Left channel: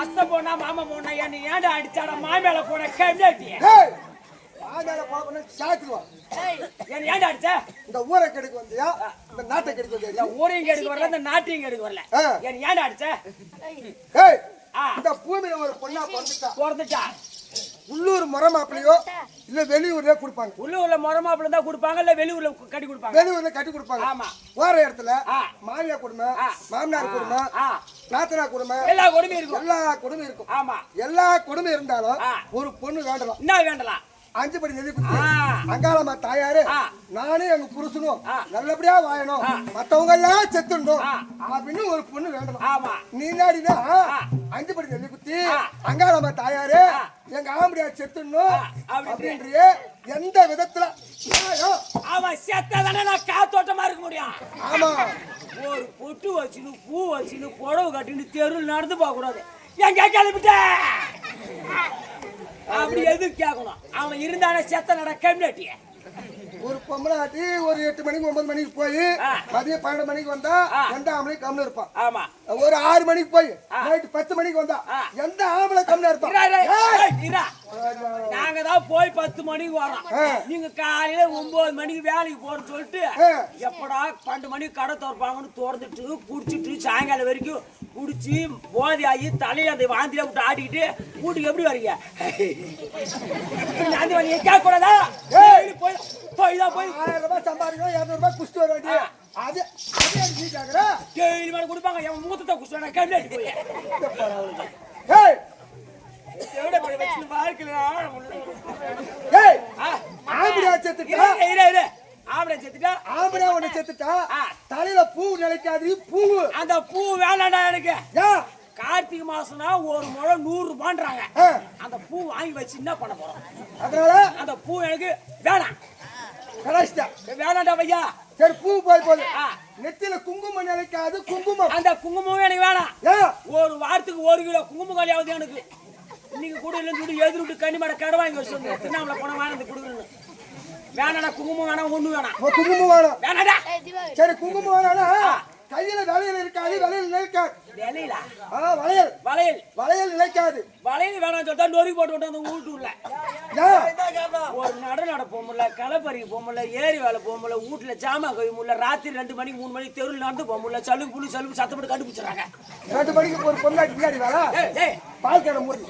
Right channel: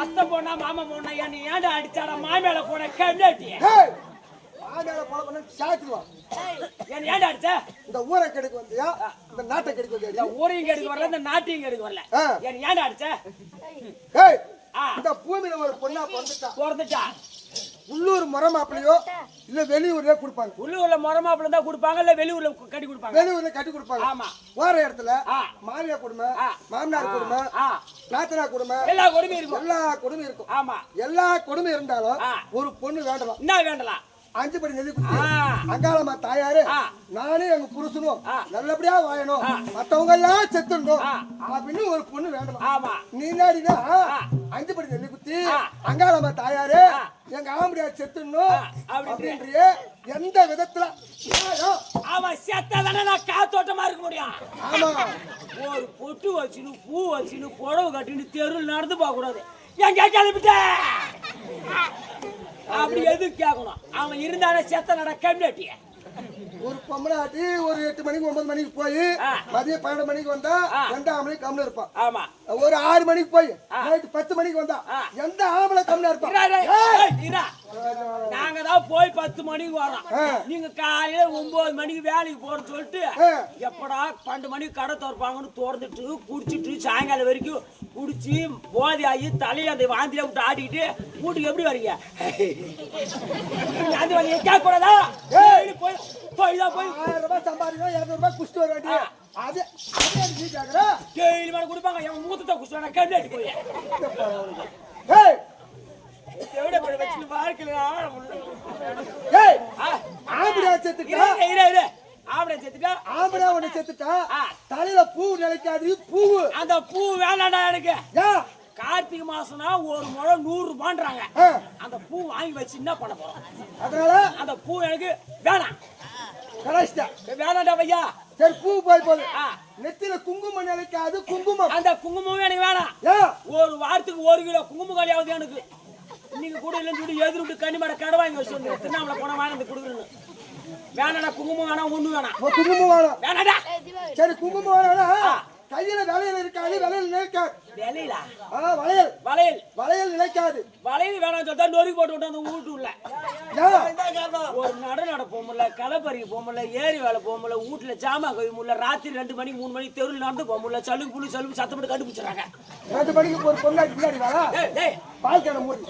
அத்தை போனா மாமா போனா என்ன ஏன்டா அடிச்சாடா மாமேல போன கம்மியாட்டி மாமேல போன சாத்துவா என்ன ஏன்டா அடிச்ச இந்த ஊரை கெடுக்க வந்தியா இந்த நாட்டை கெடுக்க வந்தியா ஊரையும் கெடுக்க வரல இந்த நாட்டையும் கெடுக்க வரல என்ன ஏன்டா அடிச்ச ஏய் இந்த பூமியில ஒரு பொண்ணா பிறந்துட்டா உள்ளூர் முறை மாப்பிளையோ இல்ல வெளியூர்ல கொடுப்பாங்க உள்ளூர்ல முறை மாப்பிள்ள தான் கொடுப்பாங்க இல்ல வெளியூர்ல கட்டி கொடுப்பாங்க வெளியூர்ல கட்டி கொடுப்பாங்க ஆமா போற இடத்துல மாமியார் குடும்பம் மாமனார் குடும்பம் நாத்தனா குடும்பம் எல்லா குடும்பம் இருக்கும் ஆமா எல்லா குடும்பம் இருந்தாலும் ஒரு பொண்ணு வேண்டலாம் என்ன வேண்டலாம் 5 படி நெல்லி குத்தி அங்காளம்மா தாயாரு நானே எங்க புருஷனும் நல்லபடியா வாழணும் மத்தவங்க எல்லாம் செத்துணும் அப்படின்னு ஒரு பொண்ணு வேண்டலாம் ஆமா நீ நாடினா 5 படி நெல்லி குத்தி அங்காளம்மா தாயாரு எங்க ஆம்படியா செத்துணும் அப்படின்றிய எந்த விதத்துல அவன் செத்தாதானே நான் காத்தோட்டமா இருக்க முடியும் ஆமா ஒரு பொட்டு வச்சுன்னு பூ வச்சுன்னு புடவை கட்டின்னு தெருவில் நடந்து போக கூடாது எங்க கிளம்பிட்ட அப்படி எதுவும் கேட்கணும் அவன் இருந்தானே செத்த நட கம்மியாட்டிய ஒரு பொம்பளாட்டி ஒரு 8 மணிக்கு 9 மணிக்கு போய் மதியம் 12 மணிக்கு வந்தா 2 மணிக்கு கம்மியா இருப்பான். ஆமா. ஒரு 6 மணிக்கு போய் நைட் 10 மணிக்கு வந்தா எந்த ஆம்பளை கம்மியா இருப்பான்? நாங்க தான் போய் 10 மணிக்கு வரோம். நீங்க காலையில 9 மணிக்கு வேலைக்கு போறன்னு சொல்லிட்டு எப்படா 12 மணிக்கு கடை திறப்பாங்கன்னு திறந்துட்டு குடிச்சிட்டு சாயங்காலம் வரைக்கும் குடிச்சு போதை ஆகி தலையை அந்த வாந்தியில விட்டு ஆடிக்கிட்டு வீட்டுக்கு எப்படி வரீங்க? அந்த வழியை கேட்க கூடாதா? போய் 1000 ரூபாய் சம்பாதிக்கணும் 200 ரூபாய் குடிச்சிட்டு வர வேண்டிய அது நீ கேக்குற? கேள்வி மேல கொடுப்பாங்க. என் மூத்தத்தை குடிச்சு கம்மியாட்டி போய் எவ்வளவு போய் வச்சு பார்க்கலாம். ஆம்படியா செத்துட்டா ஆம்படியா செத்துட்டா ஆம்படியா ஒண்ணு செத்துட்டா தலையில பூ நினைக்காது. பூ அந்த பூ வேணாண்டா எனக்கு. கார்த்திகை மாசம்னா ஒரு முழம் 100 ரூபான்றாங்க. அந்த பூ வாங்கி வச்சு என்ன பண்ண போறோம்? அதனால அந்த பூ எனக்கு வேணாம். கலாஷ்டா வேணாண்டா பையா. சரி பூ போது நெத்தில குங்குமம் நினைக்காது. குங்குமம் அந்த குங்குமம் எனக்கு வேணாம். ஒரு வாரத்துக்கு 1 கிலோ குங்குமம் காலியாவது எனக்கு. இன்னைக்கு கூட இல்லைன்னு சொல்லி எதிர் விட்டு கனிமட கடை வாங்கி வச்சு வந்து திருநாமலை போன வாங்கி கொடுக்குறேன்னு. வேணாடா குங்குமம் வேணாம். ஒண்ணு வேணாம். குங்குமம் வேணாம். வேணாடா. சரி குங்குமம் வேணா கையில வளையல் இருக்காது. வளையல் நினைக்காது. வேலையிலா வளையல் வளையல் வளையல் நினைக்காது. வளையல் வேணாம் சொல்லிட்டா நொறுக்கி போட்டு விட்டு அந்த வீட்டு உள்ள ஒரு நட போக முடியல. களப்பறிக்கு போக முடியல. ஏரி வேலை போக முடியல. வீட்டுல ஜாமா கவி முடியல. ராத்திரி 2 மணிக்கு 3 மணிக்கு தெருவில் நடந்து போக முடியல. சலுக்கு புளி சலுக்கு சத்தப்பட்டு கண்டுபிடிச்சாங்க. 2 மணிக்கு ஒரு பொண்ணாடி பின்னாடி வேலை பால் கடை மூடி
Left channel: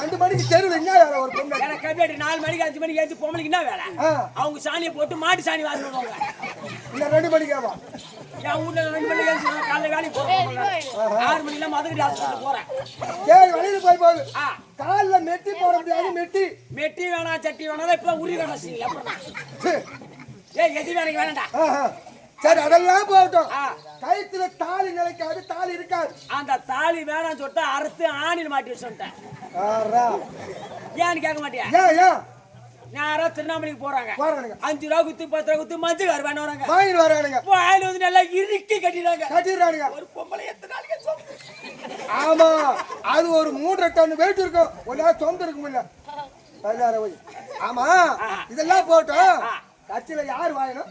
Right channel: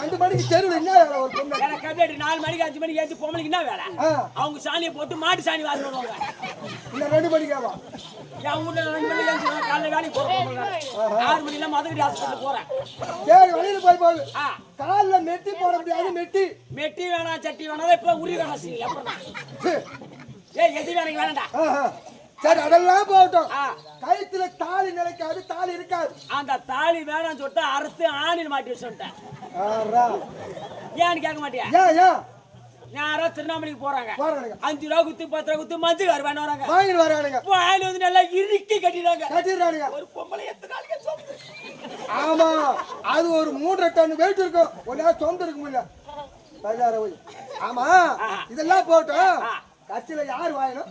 2 மணிக்கு தெருவில் என்ன வேலை? ஒரு பொண்ணு எனக்கு கம்மியாடி 4 மணிக்கு 5 மணிக்கு ஏற்றி பொம்பளைக்கு என்ன வேலை? அவங்க சாணியை போட்டு மாட்டு சாணி வாங்கி வருவாங்க. இல்ல 2 மணிக்கு ஆவா. என் வீட்டுல 2 மணிக்கு ஏற்றி காலையில் வேலைக்கு போறேன். 6 மணில மதுக்கடி ஹாஸ்பிட்டல் போறேன். சரி வழியில் போகுது. காலில் மெட்டி போட முடியாது. மெட்டி வேணாம் சட்டி வேணாம். இப்ப உரி வேணாம். எப்படின்னா எது வேலைக்கு வேணாண்டா. சரி அதெல்லாம் போகட்டும். கயிற்றுல தாலி நிலைக்காது. தாலி இருக்காது. அந்த தாலி வேணாம்னு சொல்லிட்டு அறுத்து ஆணில் மாட்டி வச்சுட்டேன். ஏன்னு கேட்க மாட்டியா? யாரோ திருவண்ணாமலைக்கு போறாங்க. 5 ரூபா குத்து 10 ரூபா குத்து மஞ்சள் வேணும் வராங்க. வாயில வந்து நல்லா இறுக்கி கட்டிடுறாங்க. ஒரு பொம்பளை எத்தனை நாளைக்கு? ஆமா அது ஒரு 3 டன் வெயிட் இருக்கும். ஒன்னா சொந்த இருக்க முடியல. 16 ஆமா இதெல்லாம் போட்டோம். கட்சியில யார் வாயணும்?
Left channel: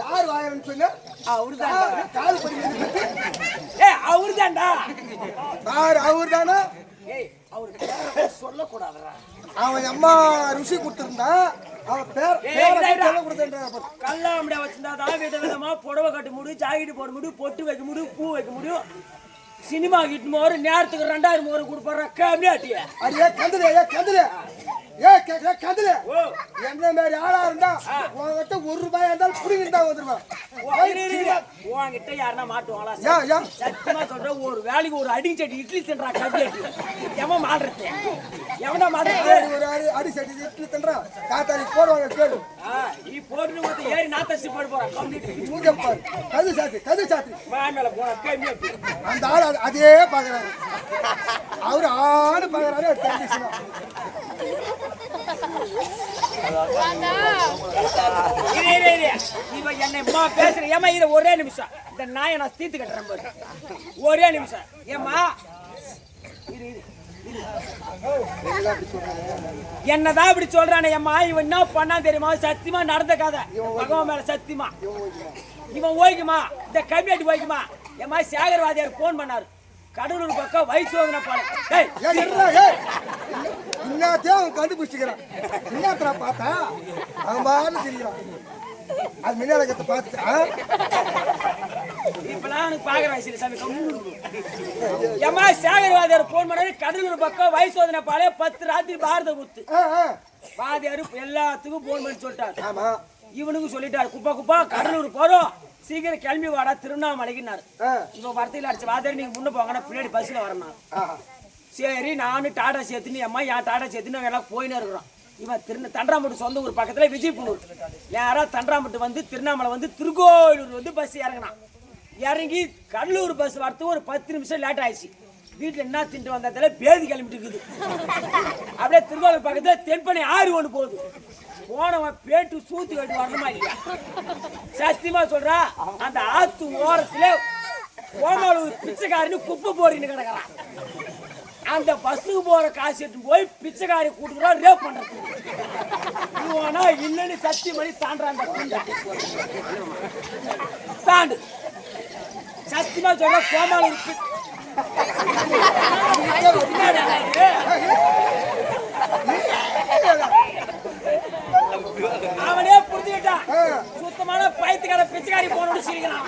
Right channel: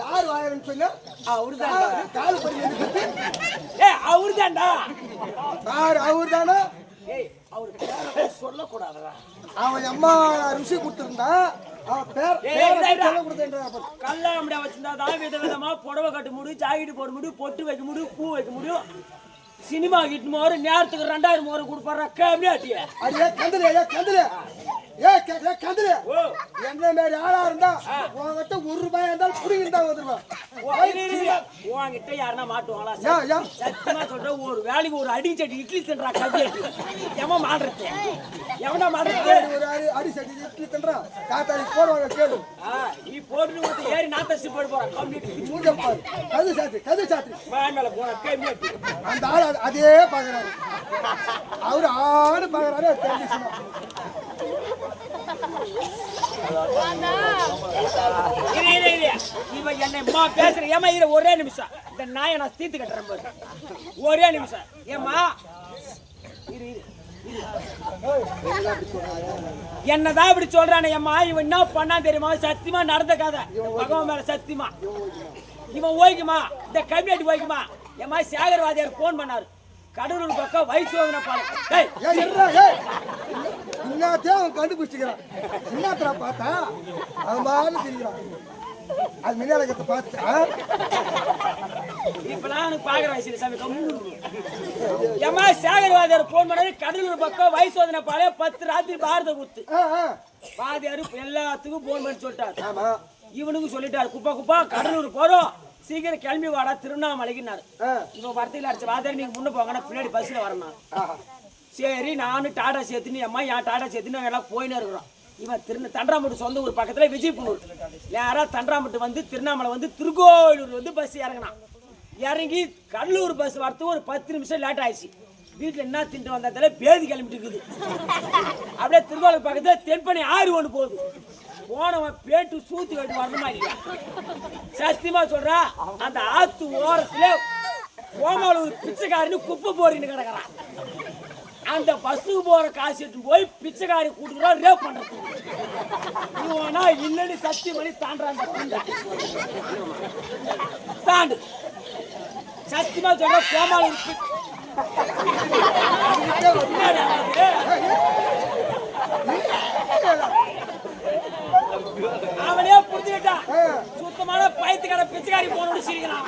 யார் வாயணும்னு சொன்னா அவருதான். கால் படி எடுத்து அவருதான்டா. அவருதானா? அவரு சொல்லக்கூடாதுடா. அவன் அம்மா ருசி கொடுத்திருந்தா அவன் பேர் கல்லாமடியா வச்சிருந்தா விதவிதமா புடவை கட்ட முடியும். ஜாக்கெட் போட முடியும். பொட்டு வைக்க முடியும். பூ வைக்க முடியும். சினிமா கிட்ட ஒரு நேரத்துக்கு 2000 கொடுப்பாரு. கம்மியாட்டிய அடியே கந்தலே என்ன மாதிரி ஆளா இருந்தா உங்ககிட்ட 1 ரூபாய் இருந்தாலும் புடிங்கிருந்தா வந்துருவான். உங்ககிட்ட யாருன்னா மாட்டுவாங்களா? சத்தியமா சொல்றேன். ஒரு வேலைக்கு ஒரு அடி சட்டி இட்லி தின்றா கம்மியாட்டி. எவன் மாடுறது? எவனா மாடுறது? ஒரு அடி சட்டி இட்லி தின்றா காத்தாடி போடுவாங்க. கேளு நீ போட்டு ஏறி நாத்தசி போட போறான். கம்மியாட்டி கது சாத்தி மேல போன கம்மியாட்டி. அந்த ஆள் அதே பாக்குறாரு. அவரு ஆடு பாக்குறாரு. இவன் என்னை பேசுற ஏமா இரு ஒரே நிமிஷம். இந்த நாயை நான் தீர்த்து கட்டுறேன் பாரு. ஒரே நிமிஷம் ஏமா என்னதான் இப்படி சொல்றானே அம்மா. இவன் என்ன பண்ணா தெரியுமா? சத்தியமா நடந்த கதை. பகவான் மேல சத்தியமா இவன் ஓய்க்குமா? இந்த கம்யூனிட்டி ஓய்க்குமா? ஏமா சேகர்வாதியார் போன் பண்ணாரு. கடலூர் பக்கம் வயசு வந்தன பாலம். எல்லாத்தையும் அவன் கண்டுபிடிச்சிக்கிறான். என்னத்தரா பார்த்தா அவன் பாரு தெரியுறான். அது மின்னாலகத்தை பார்த்து இப்பெல்லாம் எனக்கு பாக்குற வயசுல சாமி கம்மி. ஏமா சேகர்வாதியார் போன் பண்ணாரு. கடலூர் பக்கம் வயசு வந்தன பாலம் 10 ராத்திரி பாரத குத்து. வாதியாரு எல்லாத்துக்கும் போன் பண்ணி சொல்லிட்டாரு. இவனுக்கும் சொல்லிட்டாரு குப்பா கடலூர் போறோம். சீக்கிரம் கிளம்பி வாடா திருவண்ணாமலைக்குன்னாரு. இவன் வரத்தையில் அடிச்ச வாதியார் நீங்க முன்ன போங்கன்னா பின்னாடி பஸ்ல வரணும். சரி நானும் டாடா சேர்த்துன்னு அம்மா என் டாடா சேர்த்துன்னு எல்லாம் போயின்னு இருக்கிறோம். இவன் தண்டராம்பட்டு சொந்த ஊர் பக்கத்துல விஜயபுனூர். யாரா தண்டராம்பட்டு வந்து திருவண்ணாமலை வந்து திருக்கோயிலூர் வந்து பஸ் இறங்கினான். இறங்கி கடலூர் பஸ் வரத்துக்கு ஒரு 10 நிமிஷம் லேட் ஆயிடுச்சு. வீட்டுல என்ன தின்ட்டு வந்ததால பேதி கிளம்பிட்டு இருக்குது. அப்படியே திருக்கோயிலூர் பக்கத்துல தென்பனை 6 ஒன்று போகுது. போனவன் பேட்டு சூத்து கட்டி வரணுமா இல்லையா? சத்தியமா சொல்றா அந்த ஆத்து ஓரத்துல கோமாளூர் பிச்சைக்காரனு குப்பை போறின்னு கிடக்குறான். அந்த பஸ்ஸுக்கு போற காசு எடுத்து போய் பிச்சைக்காரி கூட்டுக்கிறா ரேப் பண்றதுக்கு. இவனா இல்லன்னு சத்தி மாதிரி தாண்டான் தாண்டு சத்தியமா சொல்ற கோமாளி இருக்கு. அவனே புரிஞ்சுக்கிட்டான். சுத்தமான பைத்துக்கார பிச்சைக்காரி போனோட சிரிக்கிறான்.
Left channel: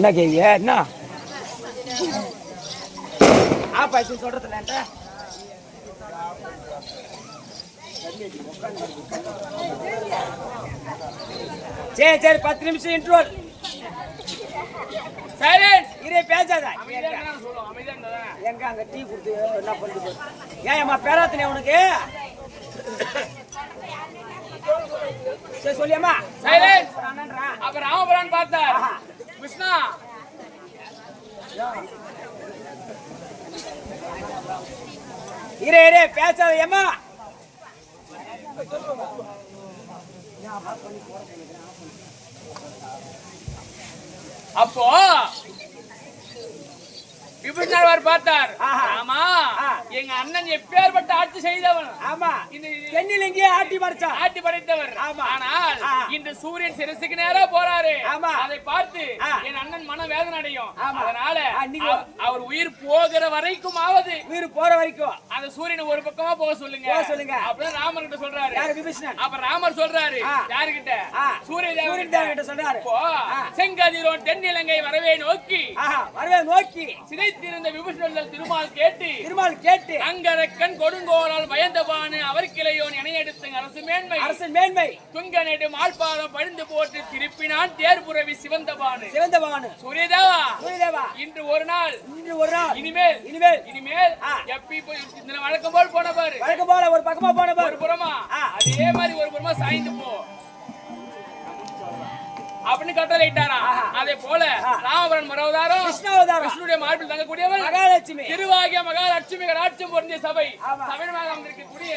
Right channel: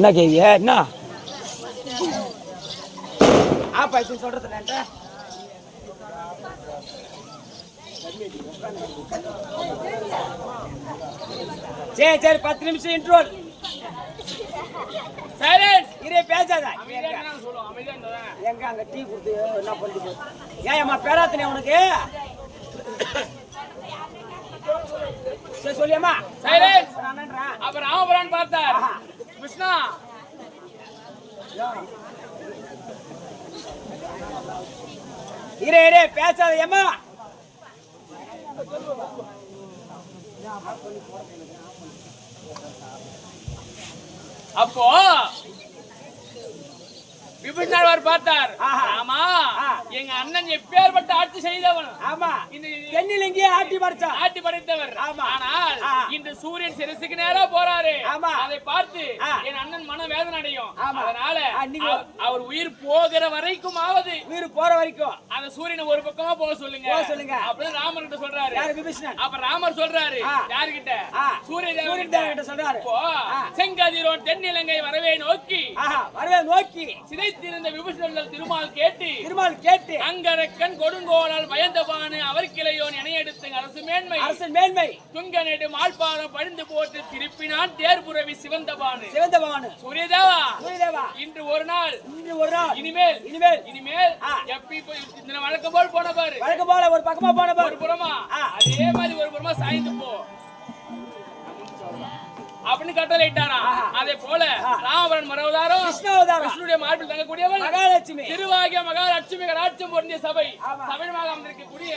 என்ன கேவிய என்ன ஆப்பாய்ச்சி சொல்றதுல சரி சரி 10 நிமிஷம் இன்ட்ரோல் சைலன்ஸ் இதே பேசாத எங்க அங்க டீ குடுத்து என்ன பண்ணுது ஏன் அம்மா பேராத்தனே உனக்கு சரி சொல்லியம்மா சைலன்ஸ் அப்ப ராமபுரான் பார்த்தார் கிருஷ்ணா இரே இரே பேசாத ஏம்மா அப்போ விபீஷணர் பார்த்தார். ஆமா எங்க அண்ணன் எப்பேற்பட்ட ஆட்சி செய்தவன். ஆமா இந்த தென்னிலங்கையே ஆட்டி படைத்தவர். ஆனால் இந்த சூரியன் சிரசுக்கு நேரா போறாரு. அதை பார்த்து என் அண்ணன் மன வேதனை அடையும். அதனால அவர் உயிர் போகிற வரைக்கும் ஆவது உயிர் போற வரைக்கும் அந்த சூரியனை ஒரு பக்கமா போக சொல்லுங்க அப்படின்னு ராமர் கிட்ட சொல்றாரு. அப்ப ராமர் சொல்றாரு யாருகிட்ட? சூரிய தேவன் கிட்ட சொல்றாரு. செங்கதிரோன் தென்னிலங்கை வரவே நோக்கி சிதைத்திருந்த விபீஷணர் திருமால் கேட்டு அங்கரக்கன் கொடுங்கோலால் பயந்தபானு அவர் கிளையோன் இணையெடுத்து அரசு மேன்மை துங்க நெடு மால்பாலம் பழிந்து போட்டு திருப்பினான் தேர்புறவி சிவந்தபானு சூரியதேவா இன்று ஒரு நாள் இனிமேல் எப்பி போய் வழக்கம் போல் போன பாரு ஒரு பக்கமா போன பாரு ஒரு புறமா அதே மாதிரி ஒரு புறமா சாய்ந்து போ அப்படின்னு கட்டளை இட்டாரா. அதே போல ராமபுரன் மரவதாரம் கிருஷ்ணனுடைய மார்பில் தங்கக்கூடியவன் மகாலட்சுமி திருவாகிய மகாலட்சுமி கடாட்சம் பொருந்திய சபையாக அமர்ந்திருக்கக்கூடிய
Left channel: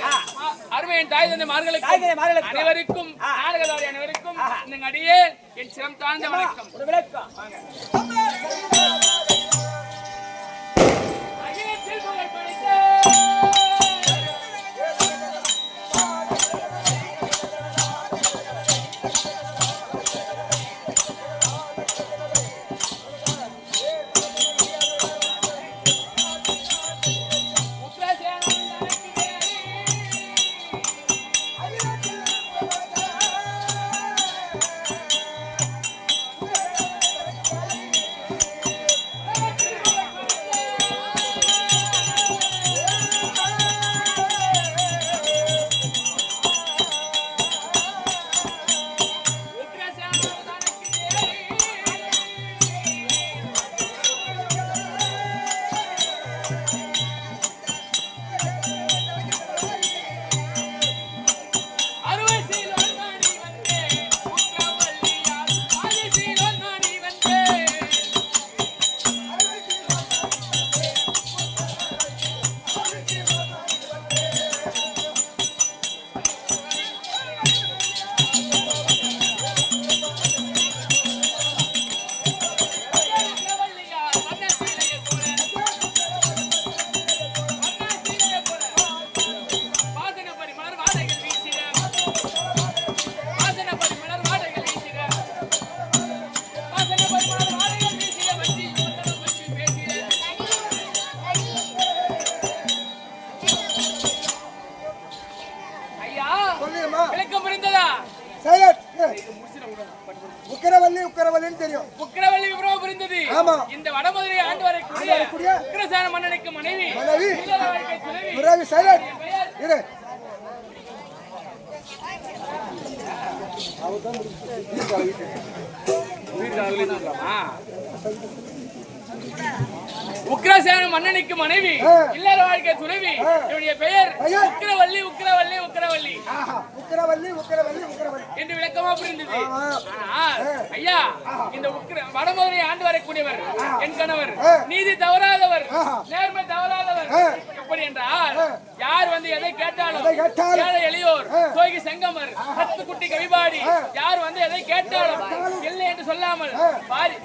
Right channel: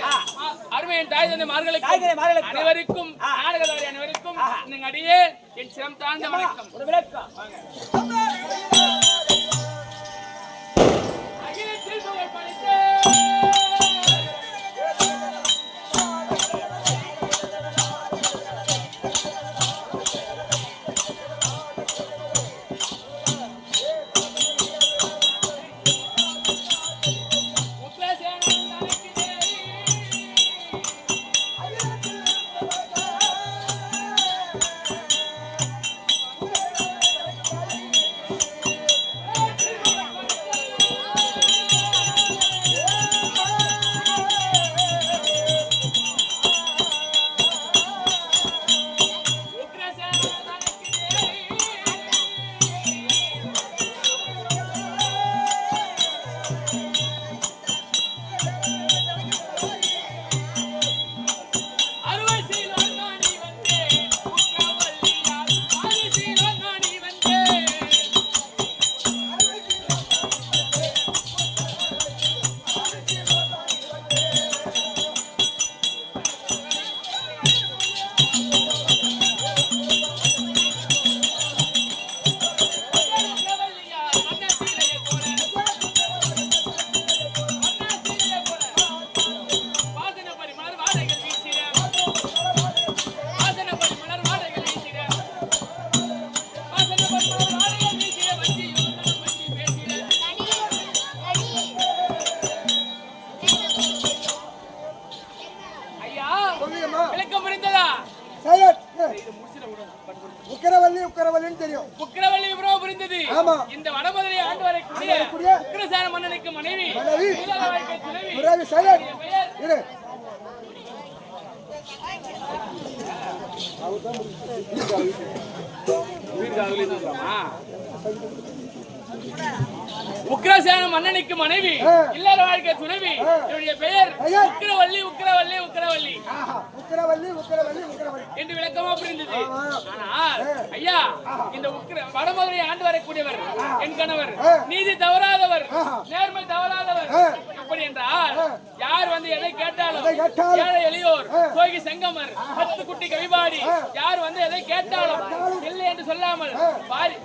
அருமையின் தாய் தந்தை மார்களுக்கு அனைவருக்கும் நாடகதாரி அனைவருக்கும் இந்த அடியே என் சிரம் தாழ்ந்த வணக்கம். ஒரு விளக்கம் தெரியும். உக்கிரவள்ளி விபரம் புரிந்தது. ஆமா. இந்த வடமதுரை ஆண்டு வரக்கூடிய உக்கிரசேன மன்னனுக்கு மனைவி இல்லற வாழ்க்கை துணைவி. பிறகு சைலண்ட் இரு. உக்கிரசேன மன்னனுக்கு மனைவி இல்லற வாழ்க்கை துணைவி. இவருடைய பெயர் உக்கிரவள்ளி உக்கிரவள்ளி உக்கிரவள்ளி உக்கிரவள்ளி உக்கிரவள்ளி உக்கிரவள்ளி என்று விளக்கமா புரிந்தது. ஆனால் ஐயா, இந்த வடமதுரை ஆண்டு வரக்கூடியவர் என் கணவர் நீதி தவறாதவர், நேர்மை தவறாதவர். எப்படி என்றால் யார் வந்து எதை கேட்டாலும் ஏழை எளியோர் சோகி செங்கமர் 10 குட்டி கவிபாடி யார் வந்து எதை கேட்டாலும் இல்லை என்று சொல்லாமல் பாரி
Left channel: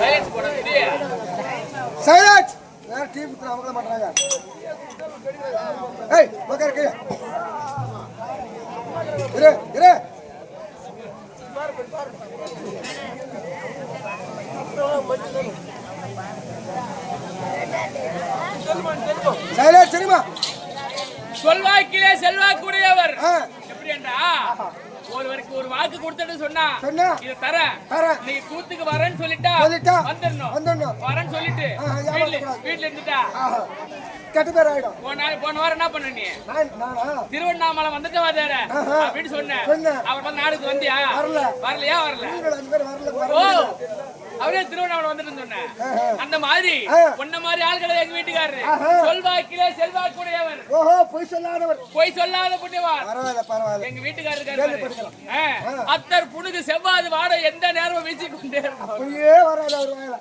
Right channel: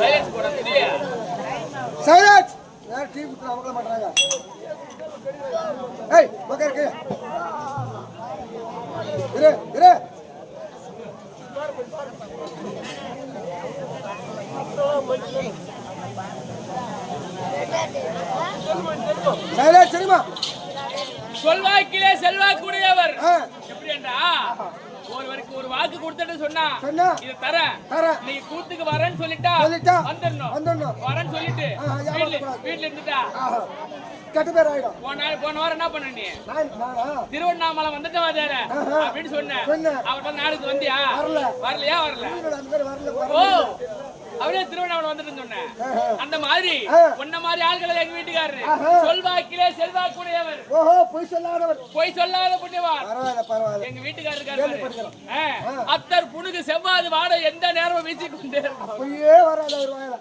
சைலன்ஸ் போட தெரியா சைலன்ஸ் யார் டீம் குடுற அவங்கள மாட்டறாங்க. ஏய் மகர் கே இரு இரு சைலன்ஸ் சரிமா சொல்வாக்கிலே செல்வாக்குடையவர். எப்படி என்றா ஒருவருக்கு ஒரு வாக்கு கொடுத்துட்டு சொன்னா இது தரேன் நீ கூத்துக்கு வரேன்னு சொல்லிட்டா வந்துடணும். வரேன்னு சொல்லிட்டு வீட்டுல இருந்துட்டா கெட்ட பேர் ஆயிடும். போன வாரம் என்ன பண்ண நீ திருவண்ணாமலை வந்துட்டு வாதாரு அப்படின்னு சொன்னேன். அவர் நாளுக்கு வந்தியா? வரலையா? வரல. ஓ அவரே திருவண்ணாமலை வந்துட்டு சொன்னேன். அந்த மாதிரி உன்ன மாதிரி ஆள்களை எங்க வீட்டுக்காரரு சொல்வாக்கிலே செல்வாக்குடையவர். ஓஹோ பொய் சொல்லாதவர், பொய் சொல்லாத புண்ணியவான். பரவாயில்ல எங்க வீட்டுக்காரர் இருக்காரு. அத்தர் புனுகு செவ்வாது வாட எந்த நேரமும் வீசி கொண்டே இருக்கும். பொய்யே வராது அவர் வாயில.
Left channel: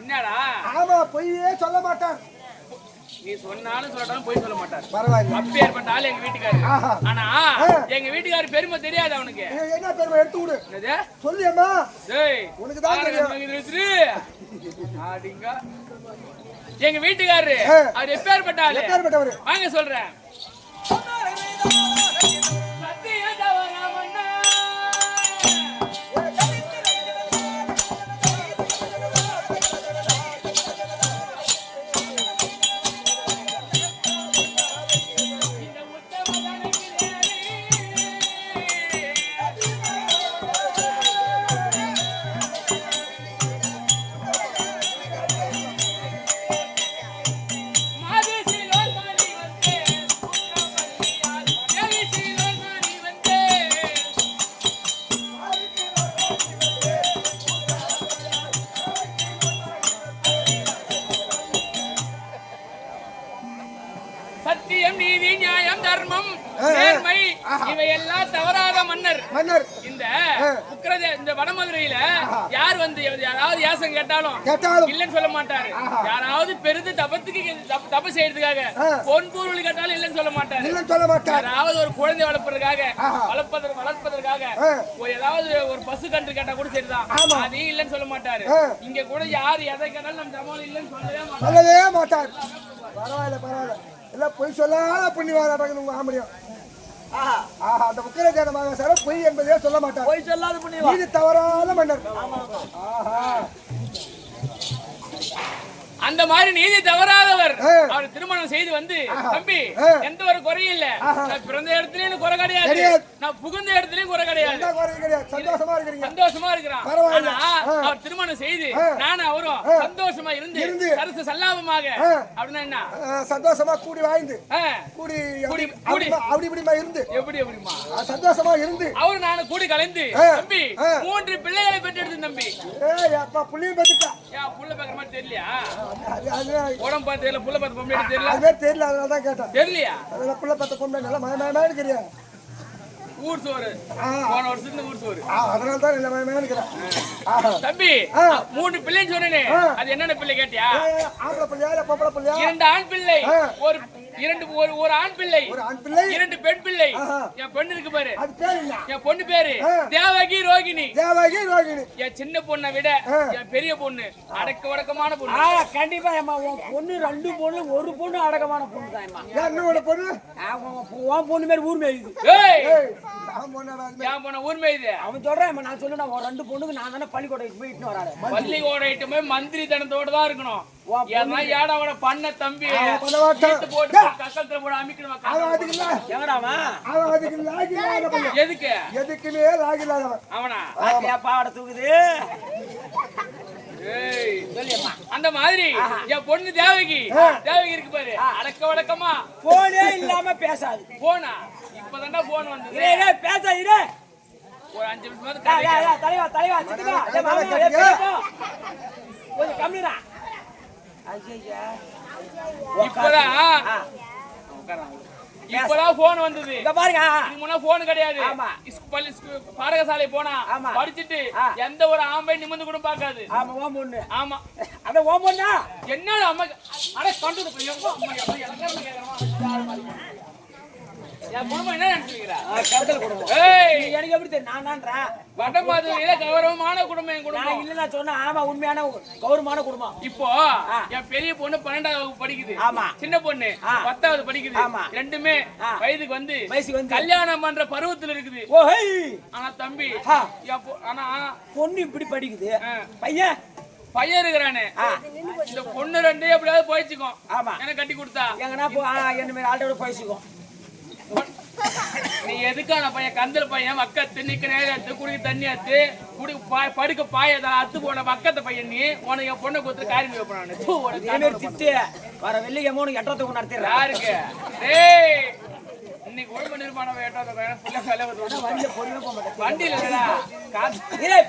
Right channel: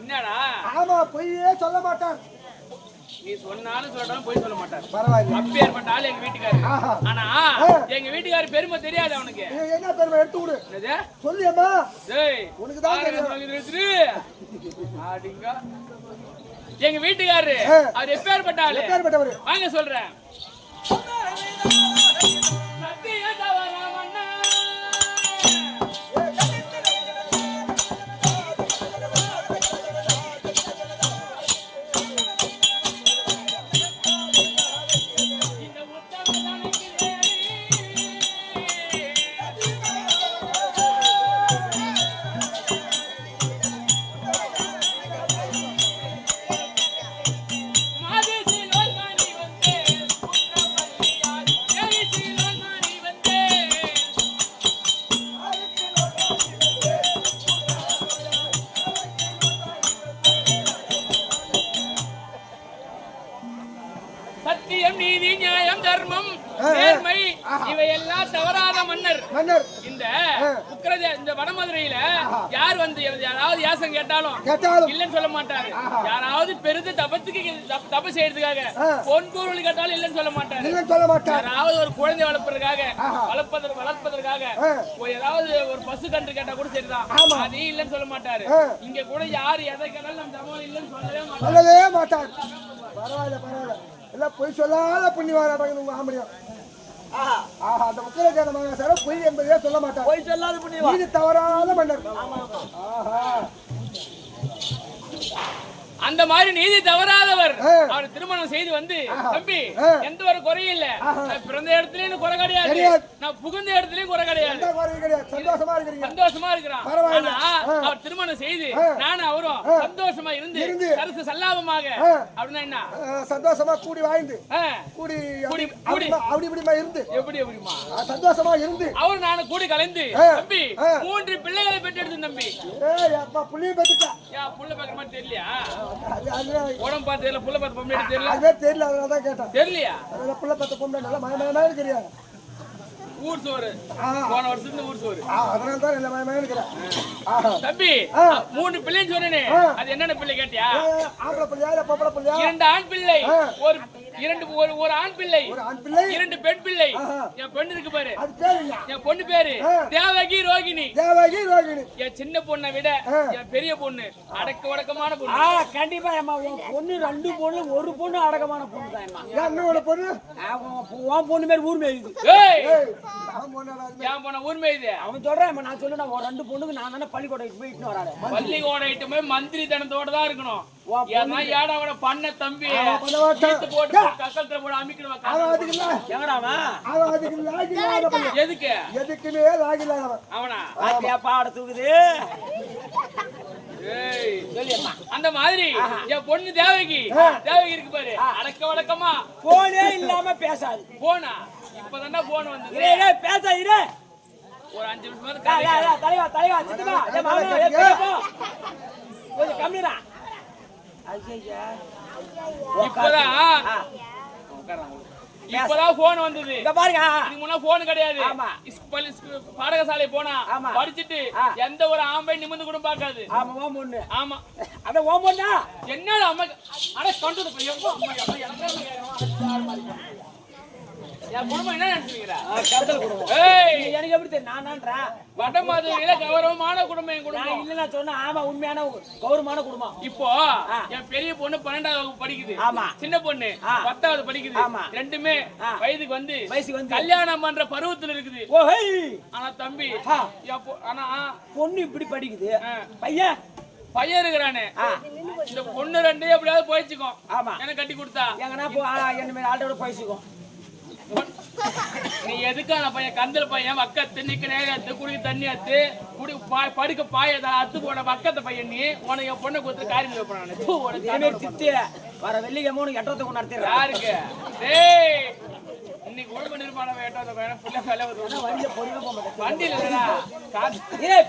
என்னடா? ஆமா பொய்யே சொல்ல மாட்டார். நீ சொன்னாலும் சொல்லட்டாலும் போய் சொல்ல மாட்டார். பரவாயில்ல. அப்பேற்பட்ட ஆளு எங்க வீட்டுக்காரரு. ஆனா எங்க வீட்டுக்காரர் பெருமை தெரியாது அவனுக்கு. என்ன பெருமை எடுத்து விடு. என்னது? சொல்லியம்மா. டேய் உனக்கு தான் தெரியும். ஆடிங்க. எங்க வீட்டுக்காரரு அவர் எப்பேற்பட்ட ஆளு? எப்பேற்பட்டவர்? வாங்க சொல்றேன். சத்தியம், நீதி, நியாயம், தர்மம், நேர்மை இவையெல்லாம் தவறாத மன்னர். இந்த இந்த வடமதுரையில யார் வந்து யாராவது யாசம் கேட்டாலும் இல்லன்னு சொல்ல மாட்டாரு. யாராவது பெருது தப்பு செய்யறதுக்காக பொன்பொருள் கேட்டாலும் இல்லன்னு சொல்ல மாட்டாரு. யாராவது ஒரு குழந்தை வளர்ப்பதற்காக ஏதாவது ஒரு பசு கன்று கேட்டா கூட சரிதான், அது இல்லன்னு சொல்ல மாட்டாரு. இங்க கூட யாரு எதை கேட்டாலும் நம்ம தமிழ் இல்லன்னு சொல்லவே மாட்டாரு. பரவாயில்ல பரவாயில்ல. எல்லாம் பொய் சொல்லாத புண்ணியவான் உங்க ஆம்படியும். அந்த உக்கிரசேன மகாசாரம் பொய் என்பதே சொல்ல மாட்டார். பொய் சொல்லாத புண்ணியவான். இது தவறான மன்னர். அந்த மாதிரி நீதி தவறாதவர். அவர் திருமணம் செய்து வந்து தம்பி எந்த ஒரு குறையும் இல்ல, பிறந்த இடத்துலயும் குறை கிடையாது, நான் புகுந்த இடத்துலயும் குறை கிடையாது, சந்தோஷமா இருக்கிறான். அவர் திருமணம் செய்து நானும் அவரும் சந்தோஷமா இருந்து சரசு சல்லாபமாக அப்படின்னா என்ன சந்தோஷமா கூடி வாழ்ந்து கூடி அப்படி இப்படிமா இருந்து எப்படி எப்படிமா சந்தோஷமா இருந்து அவரு நானும் கூடி கலைந்து தம்பி 3 பிள்ளைகளை பெற்றெடுத்து தம்பி. புள்ளியும் பத்துட்டா புள்ள பாக்குற மாதிரி தெரியலையா? உடம்பு பார்த்து தெரியல, புள்ள பார்த்து பொம்பளை தெரியல. அதுவே தெரியல, அதனாலதான் கேட்டேன். தெரியலையா? புள்ள பார்த்த பொம்பளை நல்லா மயமயமானு தெரியாது. ஊர் சோறு போன வருஷத்துல ஊர் சோறு, அதனாலதான் நல்ல மயமயமானு இருக்கிறேன். தம்பி 3 பிள்ளைன்னு சொன்னேனே, அது என்னென்ன பிள்ளை கேட்டியா? ஆம்பளை பிள்ளையா இல்ல பொம்பளை பிள்ளையா? 2 ஆண் பிள்ளை, ஒரு ஒரு ஆண் பிள்ளை, ஒரு ஆண் பிள்ளை, 2 பெண் பிள்ளை. என் பெண்ணு இருக்கு பாரு, அது பேரு என்ன? என் பொண்ணு பேரு தேவகி ரோகிணி. தேவகி ரோகிணி. என் சின்ன பொண்ணை விட என் பெரிய பொண்ணு அடக்கமான பொண்ணு. கண்டிப்பா ஏமா உன் பொண்ணு 2 பொண்ணு, ஒரு பொண்ணு அடக்கமான பொண்ணு தான் ஏமா. என்னோட பொண்ணு? உன் பொண்ணு மாதிரி ஊர் மேயுது. என் பொண்ணு ஊர் மேயுது. அவன் சொல்றேன், நான் சொல்லுனா 2 பொண்ணுக்கு நான் தானே பள்ளிக்கூடம் போயிட்டு வராரு. பள்ளிக்கூடம் இட்டு போய் மந்திரி தனத்தோட தான் இருக்கணும். ஏடாவோட பண்ண தம்பி போட்டு கக்கத்துல போட அமைக்கணும். எதுக்கு எதுக்குமே லாகில்லாதவன் அவனா பாட தூக்குது. அந்த மாதிரி என் பொண்ணு தேவகி இருக்கு பாரு, அடக்க வடக்கமா போனே இல்லாம பேசாது. போனா இப்பதான்டா போன் வந்தது. பேசாது ஒரு 5 நிமிஷம் தலைவா கொஞ்சம் கம்மிடா. இப்பதான் போன் வந்தது. பாருங்க, இதுக்கு முன்னா போன் கிடையாது. பாடகசாலை போனா படிச்சுட்டு எந்த ஒரு ஆம்பை நிமிர்ந்து கூட பாக்காது. ஆமா ஓம் பொண்ணு. ஆமா அத ஓம் பொண்ணா என்னடா அம்மா அட கண்டு எனக்கு எப்படி தெரியும்? நான் வடமதுரையில கௌரவமான குடும்பம் என் குடும்பம் இல்ல. நான் சொன்ன ஆமா, உண்மையான கௌரவமான குடும்பம். இப்போ என் பெரிய பொண்ணு 12வது வகுப்பு படிக்குது. ஆமா. சின்ன பொண்ணு 10வது படிக்குது. ஆமா. ரெண்டுமே வயதுக்கு வந்து கல்யாணம் பண்ற பருவத்துல இருக்குது. ஆனா தம்பி ஆனா பொண்ணு இப்படி படிக்குது, பையன் இருக்கிறானே, இந்த பொண்ணு 2 எப்படியாவது போயிச்சுக்கும். ஆமா, எனக்கு கட்டி கொடுத்தா எங்கன்னா என்ன ஆள்கிட்ட போயிச்சுக்கும். நீ எதுக்கான பையன் கந்தல் பையன் வக்கத்து நிக்க நேரத்து குடிக்க தண்ணி அத்து குடி படுக்க பாயதா அத்து போன வக்கத்த பையன் நீ உனக்கு என் பொண்ணை கொடுத்து காரியம் வைப்பானு வர வெள்ளிக்கு 3 8 நடத்தி யாருக்கு இன்னைக்கு குடும்ப நிர்மாணம் வண்டியில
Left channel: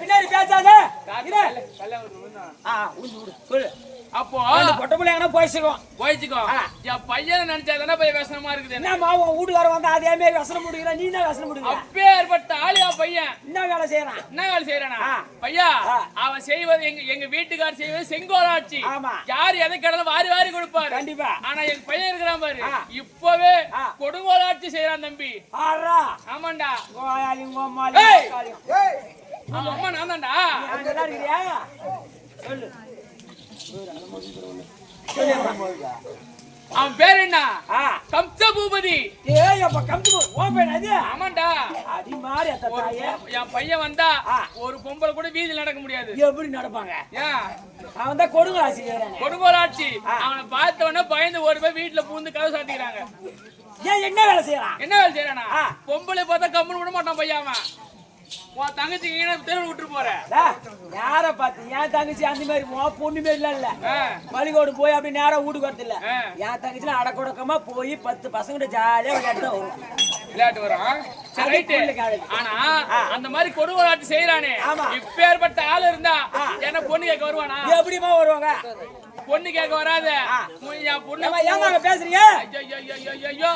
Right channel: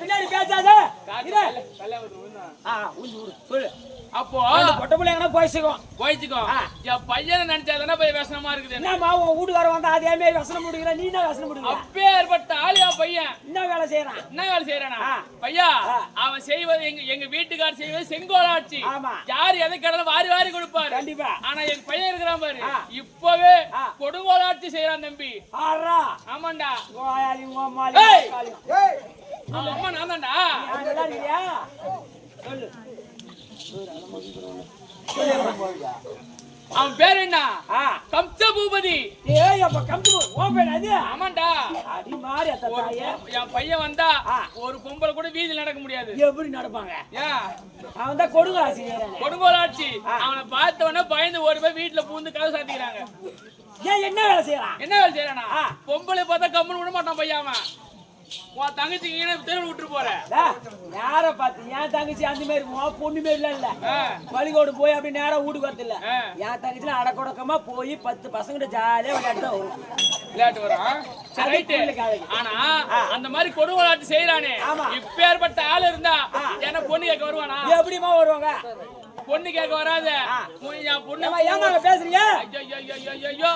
பின்னாடி பேசாத. அப்போ போயிச்சுக்கோ. என் பையனை நினைச்சாதானே போய் விசனமா இருக்குது. என்னமா உன் வீட்டுக்கார வந்தா அதே மாதிரி வசனம் முடிக்கிற, நீ என்ன வசனம் முடிக்கிற? அப்பேற்பட்ட ஆளு என் பையன். என்ன வேலை செய்யறானா பையா? அவன் செய்வது எங்க வீட்டுக்காரர் செய்வது செங்கோலாட்சி. யார் எதை கடலும் வாரி வாரி கொடுப்பாரு. கண்டிப்பா. ஆனா எங்க பையன் இருக்கிறான் பாரு, இப்பவே கொடுங்கோலாட்சி செய்யறான் தம்பி. ஆமாண்டா. அம்மா நான் தான்டா. சொல்லு. அவன் பேர் என்ன? கம்ச பூபதி. ஆமாண்டா. என் பையன் வந்தா ஒரு பொம்பளை கூட வீதியில் நடக்க முடியாது. எப்படி நடப்பாங்க? அவன் தான் கொடுங்கோலாட்சி. அவனை பார்த்தவன பயந்து ஓடி போய் வீட்டுல பூந்து கதை சாத்திக்கிறாங்க. என்ன வேலை செய்யறானா? பொம்பளை பார்த்தா கம்முன்னு விட மாட்டான் பையன். அவன் உன் தங்கச்சிக்கு தெருவில் விட்டு போற யார பாத்து? என் தங்கச்சி அந்த மாதிரி பொண்ணு மாதிரி இல்ல. பள்ளிக்கூட போய் அப்படி நேரம் வீட்டுக்கு வரது இல்ல. என் தங்கச்சி அடக்கொடக்கமா போய் 10 பசங்க ஜாலியா விளையாட்டு வரும். ஆனா அந்த மாதிரி கொடுங்கோலாட்சி செய்யறானே, இப்பேற்பட்ட ஆள் இருந்தா என்ன பொண்ணு கேட்க வருவானா? எப்படிமா வருவாங்க? பொண்ணு கேட்க வராத. பொண்ணு பேசுறீங்க? ஐயோ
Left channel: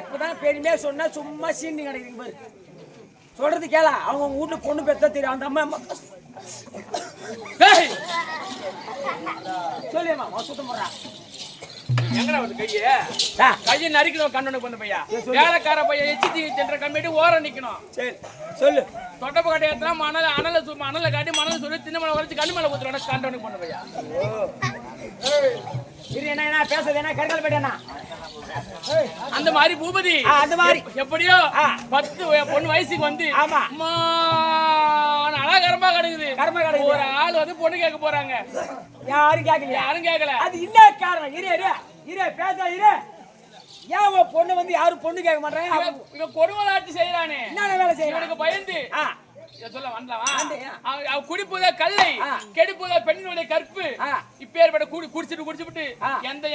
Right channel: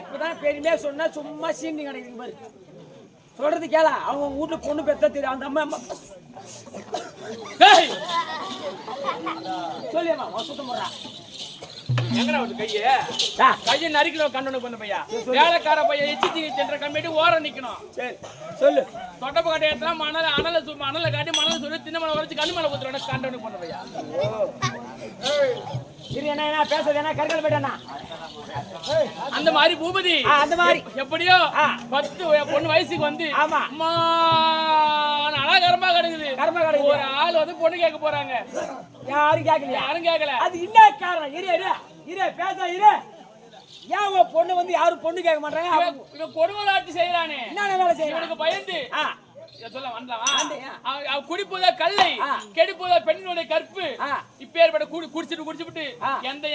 இப்பதான் பெருமையா சொன்னா சும்மா சீண்டி கிடைக்குது பாரு. சொல்றது கேளா, அவங்க வீட்டுல பொண்ணு பெத்தா தெரியும். அந்த அம்மா சொல்லியம்மா சுத்தம் போடுறா. எங்கடா வந்து கையை நறுக்கணும். கண்ணனுக்கு பண்ண பையா, வேலைக்கார பையன் எச்சி சென்ற கம்மிட்டு ஓரம் நிக்கணும். சரி சொல்லு. தொட்டப்ப கட்டையத்துல அனலை காட்டி மணல சொல்லி தின்ன மலை வரைச்சு கண்ணு மேல ஊத்துறோட கண்டனுக்கு பண்ண பையா. என்ன பேசுறது? என்ன கருங்கல் போயிட்டானா? அந்த மாதிரி பூபதி அந்த மாதிரி எப்படியோ 10 பொண்ணு வயசுக்கு வந்து அழகரமா கிடக்குது. ஒரு ஆள் வந்து பொண்ணு கேட்க போறாங்க. யாரும் கேட்கல. அது என்ன காரணம்? இரு பேச. ஏன் பொண்ணு வந்து யாரும் பொண்ணு கேட்க மாட்டாங்க? இவன் கொடுங்கோலாட்சி செய்யறானே, என்ன வேலை செய்யறானுக்கு பயந்து சொல்ல வந்தான். குடிப்புத கல்லை கெடுப்புத பெண்ணுடைய கற்பு. இப்பேற்பட்ட குடிச்சுட்டு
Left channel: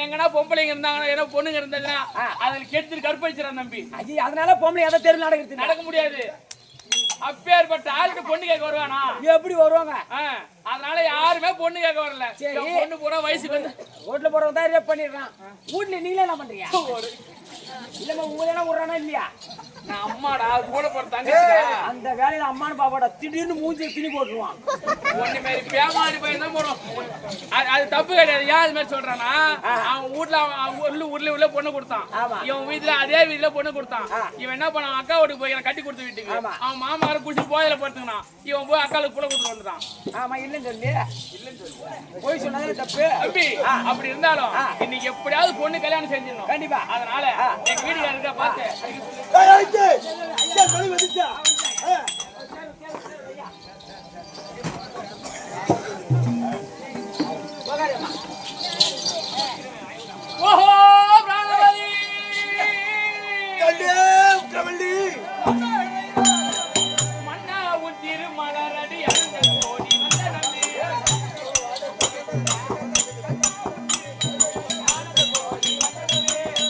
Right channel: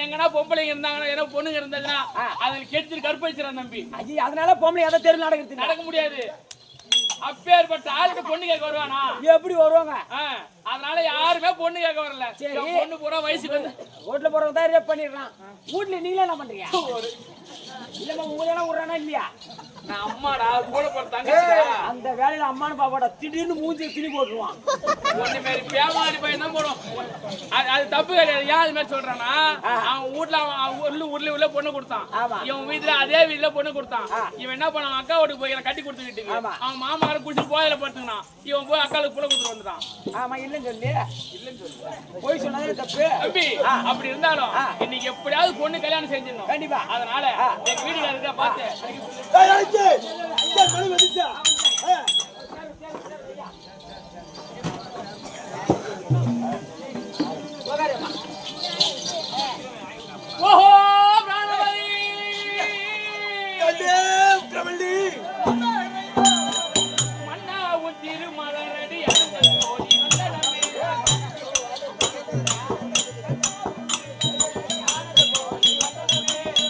எங்கன்னா பொம்பளைங்க இருந்தாங்கன்னா பொண்ணுங்க இருந்தாங்கன்னா அதுல கெடுத்துட்டு கற்பு வச்சிடறான் தம்பி. அதனால பொம்பளை எதை தெரு நடக்க முடியாது. அப்பேற்பட்ட ஆளுக்கு பொண்ணு கேட்க வருவானா? எப்படி வருவாங்க? அதனால யாருமே பொண்ணு கேட்க வரல. பொண்ணு போற வயசுக்கு வந்து ரோட்ல போறவங்க தான் ரேப் பண்ணிடுறான். வீட்டுல நீங்களே என்ன பண்றீங்க? இல்லம்மா உங்களே விடுறானா இல்லையா? நான் அம்மாடா கூட போறதாங்க அந்த வேலையில அம்மானு பாப்பாடா திடீர்னு மூஞ்சி திணி போட்டுருவான். ஒண்ணு மாரி பேமாடி பையன் தான் போடும். அது தப்பு கிடையாது. ஏன் அது மாதிரி சொல்றானா, அவன் வீட்டுல அவன் உள்ள பொண்ணு கொடுத்தான், இவன் வீட்டுல அதே வீட்டுல பொண்ணு கொடுத்தான். இவன் என்ன பண்ணான், அக்கா வீட்டுக்கு போய் கட்டி கொடுத்த வீட்டுக்கு அவன் மாமார குடிச்சு போயில படுத்துக்கினான். இவன் போய் அக்காளுக்கு புள்ள கொடுத்துட்டு வந்துட்டான். ஆமா இல்லன்னு சொல்லி போய் சொன்னாலே தப்பு தம்பி. அப்படி இருந்தாலும் இன்னைக்கு எப்படியாவது பொண்ணு கல்யாணம் செஞ்சிடணும் கண்டிப்பா. அதனால எங்க வீட்டுல இருக்க பார்த்து ஓஹோ பிராணவதி பிரபலி மன்னா உன் திருமலரடி அருங்கள் கோடி வந்தனமே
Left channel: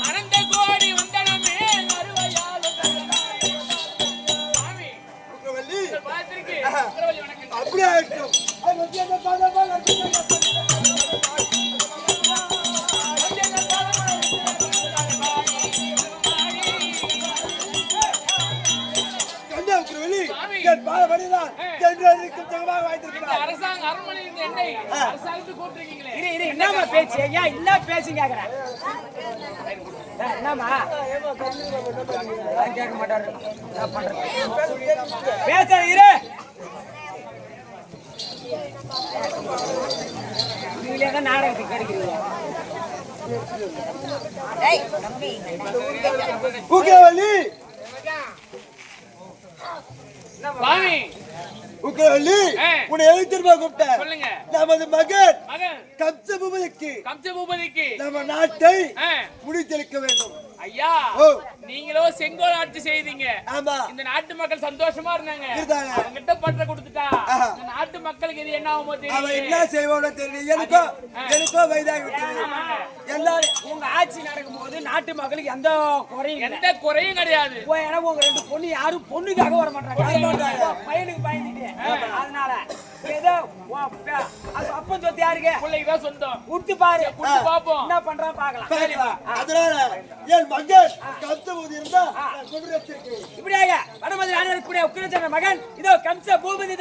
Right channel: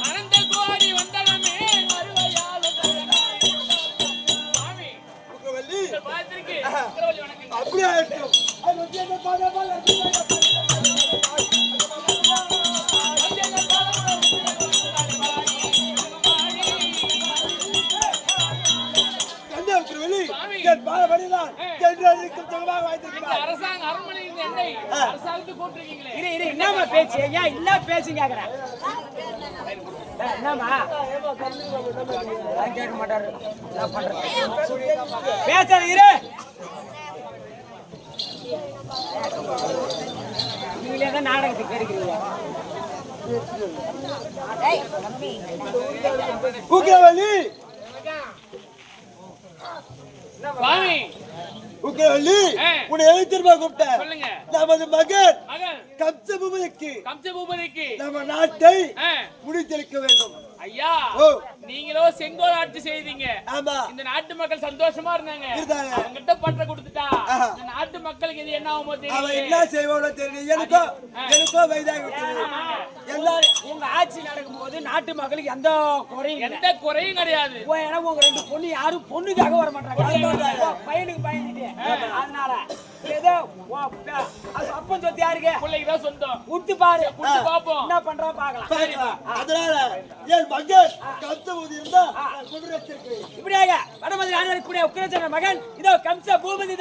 அனந்த கோடி வந்தனமே அருவையால் சாமி பிரபலி பார்த்திருக்கு. பிரபலி வணக்கம். அப்படியே ஆயிடும். அது வந்து என்ன பாதபால அரசாங்க அரண்மனை இந்த எண்ணெய் அரசாங்கத்துக்கு கூப்பிட்டுருக்கீங்களே. என்னமா பேச்சு ஐயா இல்ல பேசி கேக்குறேன். என்னமா கேட்க மாட்டாரு. என்ன பண்றது பேசுறீரு நீங்களே தான் நாடகத்துக்கு கிடைக்கிறீங்க. உக்கவலி சுவாமி உக்கவலி உன்னை எதுக்கு திரும்ப கூப்பிட்டேன்? சொல்லுங்க. நமது மகன் மகன் கம்சபூபதிக்கு நம்ம நாட்டை முடித்தெடுக்க வேண்டும். ஐயா நீங்களோ செங்கோல் ஆட்சி செய்தீங்க. ஆமா. இந்த நாட்டு மக்கள் சந்தோஷமா இருந்தாங்க. அவங்கிட்ட பற்ற கொடுத்துட்டா இந்த நாட்டு மக்களுக்கு இது என்ன ஆகுமோ அவன் தெரியல. என்ன செய்வானோ தெரியல. எனக்கோ வயதாகி விட்டது. எல்லாரும் உங்க ஆட்சி நடக்கும் போது நாட்டு மக்களுக்கு எந்த குறையும் கிடையாது. ஏன்னா உங்க ரெண்டு பொண்ணு யாரும் பொண்ணுக்காக வர மாட்டாங்க, பையனுக்கு பயந்துட்டு. அதனால ஏதோ அப்பன் சொத்து யாருக்கு பிள்ளைக்குதான் சொந்தம். விட்டு பாரு, பாப்போம் என்ன பண்றான் பாக்கலாம். அதனால என் மகன் கம்சபூதி இருந்தா இப்படியாக வடமதுரை ஆண்டவர் கூட உக்கிரச்சந்திர மகன் இதோ கம்ச பூபதி